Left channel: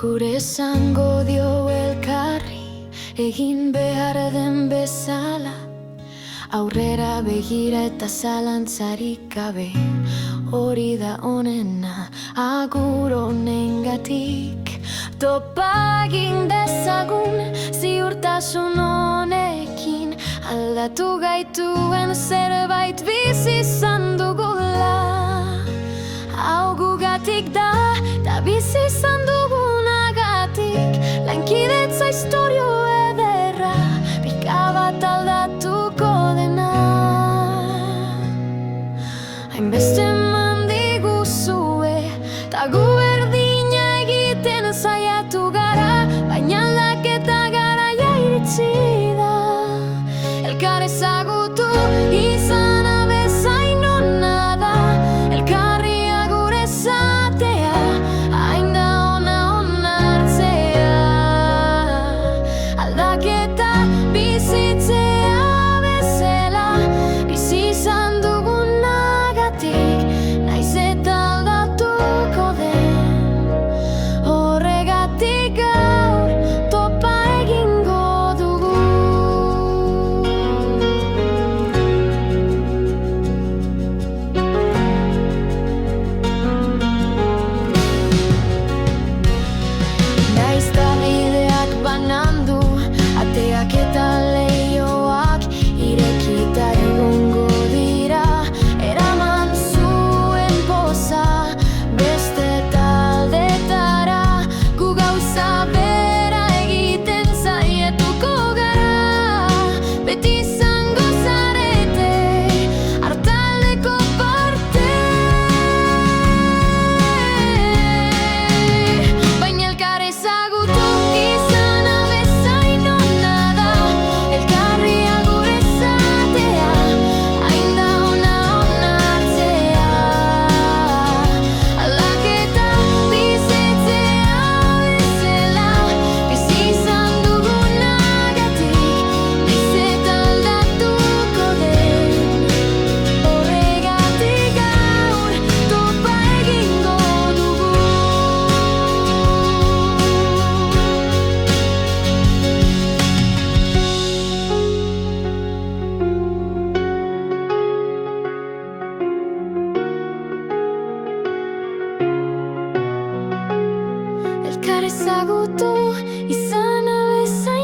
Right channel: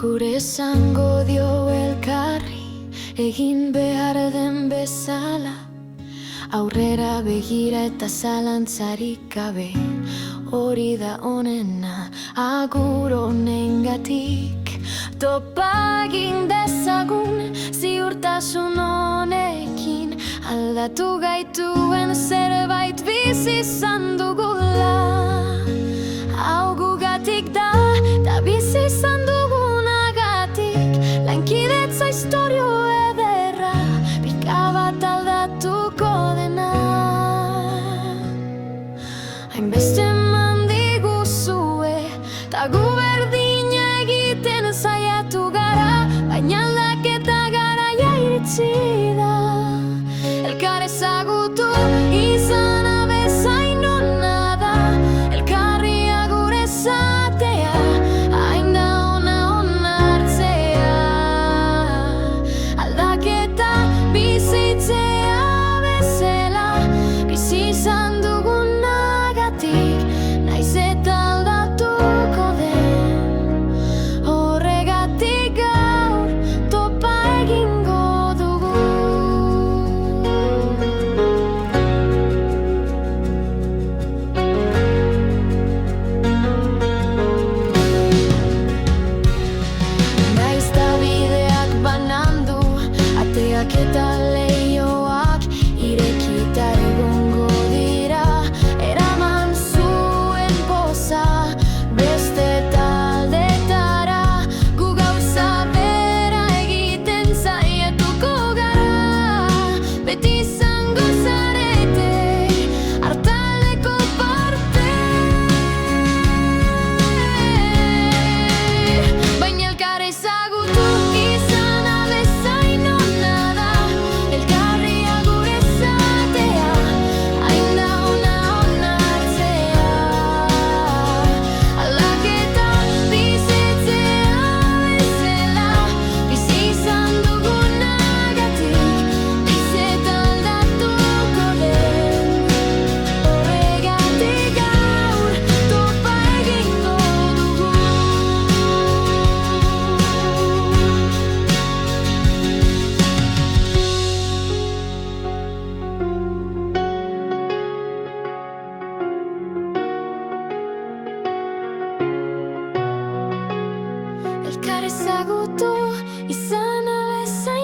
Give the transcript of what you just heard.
Gure esango dio elkarri, egin behar den bezala. Aurrera begira eta zalantzarik gabe, hori da onena. Agur honengatik topa egin dezagun, ziurtasun honekin aldatu gaituen zerbait bizi izan dugula. Hau gugatik da, ta bizi izan dugunagatik. Lankidetza istorio ederra, pika bat aldatuko dena. Hainbeste eman diguzue, ta gu berdina egiten saiatu gara, baina aldaketa garaia iritsi da. Elkar ezagutu izana bezain ona da, elkarri agur esatea, hain da ona onartzea. Aldaketa bizitzea bezala, bizi izan dugunagatik, naiz eta aldatuko den. Horregatik gaur topa egingo dugu. Naiz ta bideak banandu, ateak eta leihoak irekita egongo dira. Eraman zuen poza beste taldetara, gu gauza bera egiten saiatuko gara. Beti izango zarete hartaldeko parte, baina elkar ezagutu izana bezain ona da, elkarri agur esatea, hain da ona onartzea. Aldaketa bizitzea bezala, bizi izan dugunagatik, naiz eta aldatuko den. Horregatik gaur topa egingo dugu. Elkar ezagutu izana bezain